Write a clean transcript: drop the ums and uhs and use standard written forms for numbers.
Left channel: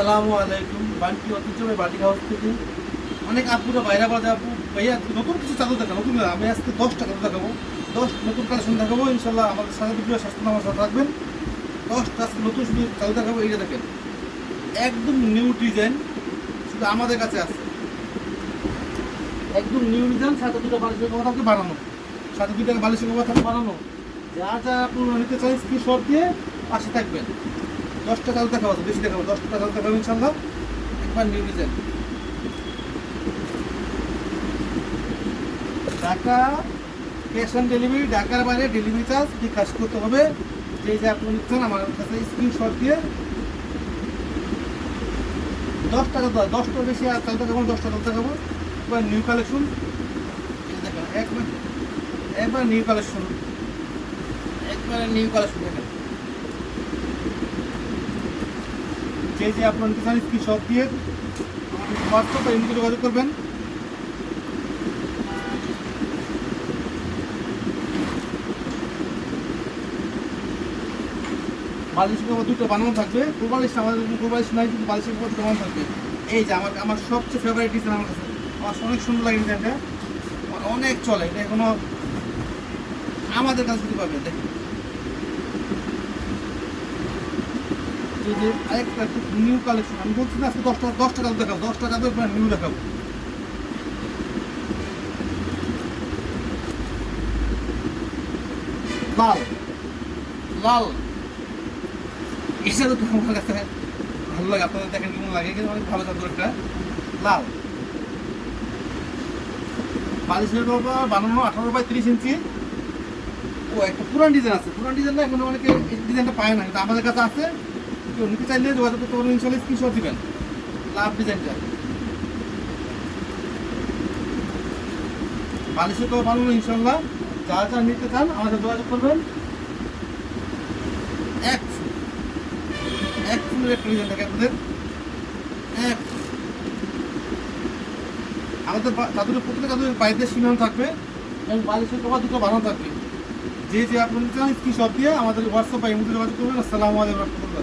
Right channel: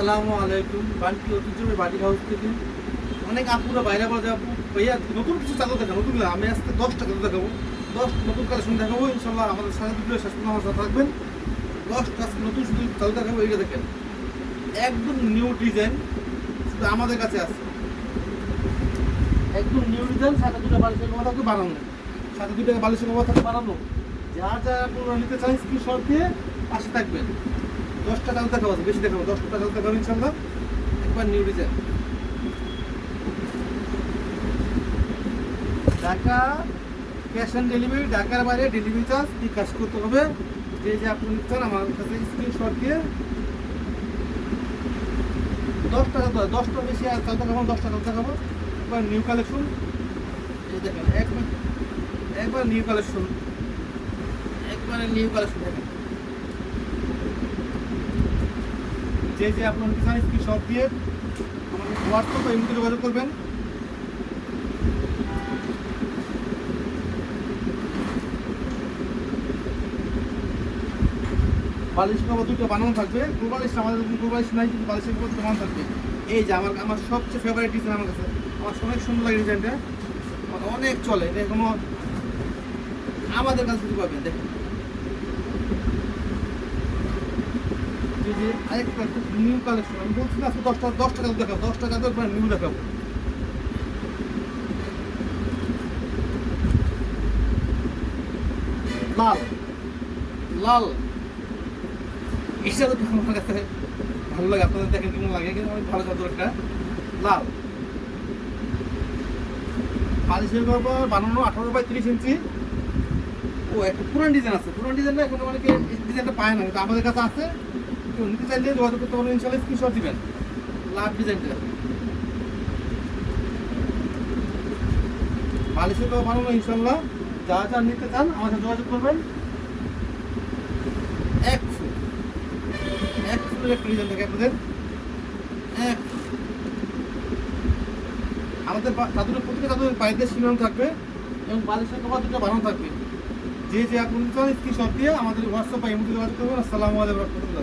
আসসালামু আলাইকুম। বান্টি ঐতিহ্যবাহী বাটিক হাউস থেকে অনেক আপুরা বাইরে বাইরে যাবো ভাইয়া নতুন কিছু চাদর দেখাবো। নতুন না, আমি আজকে 10টা চাদর দেখাবো, 10 নতুন কালেকশন দেখাবো ইনশাল্লাহ। আমাদের সাথে ভিডিও শেষ পর্যন্ত আমার সাথে থাকবেন। 10টা আজকে নতুন শুধু চাদর দেখাবো। এইটা দেখেন, একদম নিউ ডিজাইন, শুধু আমাদের কাছে আছে। একদম নিউ ডিজাইন, সাথে দুটো বালিশের কভার থাকবে বানানো, সাথে দুটো বালিশের কভার থাকবে বানানো। যা যা আপনারা নিতে চাই স্ক্রিনশট দিয়ে পাশে থাকবেন। 10টা চাদর দেখাবো, বেশি দেখাবো, 10টা চাদর দেখাবো ইনশাল্লাহ। একবার new design, Dhaka cash on delivery, ঢাকার বাইরে ডেলিভারি চার্জ বিকাশ করতে হবে। যে আপনি নিচ্ছেন আমার কাছে স্ক্রিনশট দিয়ে 10 টাকা, 10টা বেশি আর চালতে খাবো, 10টা চালতে খাবো। একবার নিউ কালেকশন, এই দেখেন একবার নিউ কালেকশন, একবারে নিউ কালেকশন দেখেন। যে আপনার কিষান স্ক্রিনশট দিয়ে হোয়াটসঅ্যাপ বা ইমেলে যোগাযোগ করবেন। বালিশ কভার দুটো বানানো থাকবে। ফুলবালিশ আমাদের ফুলবালিশ নাই, কিন্তু বালিশের কভার দুটো বানানো থাকবে। এই যে আমার সবচেয়ে ফেভারিট ডিজাইন, আমার কাছে আমার অনেক সুন্দর লাগে ডিজাইনটা, আমার অনেক চলে। এটা কোনো আমাদের কাছে যদি পাবেন দেখেন, এই যে আরেকটা খুব নিউ কালেকশন। আমি বলছি না আজকে 10টা দেখাবো, 10টা নিউ দেখাবো। লাল লাল এই চাদরটা আমার কাছে ভালো লাগে। আপনাদের দেখেন কেমন লাগে, কিন্তু অনেক ভালো চাদর একটা। লাল বালিশের কভার বানানো 18x30 ইঞ্চি। ও একটা পুরান ডিজাইন আছে, পুরান ডিজাইনটা এখন অনেকে এই ডিজাইনটা পায় না, কিন্তু আমাদের কাছে আছে। কেউ নিতে চাইলে যোগাযোগ করতে পারবেন ইনশাল্লাহ, স্ক্রিনশট দিবেন। লাভ ডিজাইনটা বালিশের কভার বানানো ইনশাল্লাহ। যা যা নিতে চান আমাদের যোগাযোগ করবেন। এক ফুলের একটা ডিজাইন থাকে আপনাদের, এক ফুল। আমাদের তাদের প্রত্যেকটা তাদের পাইতে সীমান্ত থাকবে এবং বালিশের কভার দুটো বানানো থাকবে। যে আপনার স্ক্রিনশট দিয়ে আমাদের হোয়াটসঅ্যাপ বা ইমেলে যোগাযোগ করবেন। আসসালামু আলাইকুম রহমতুল্লাহ।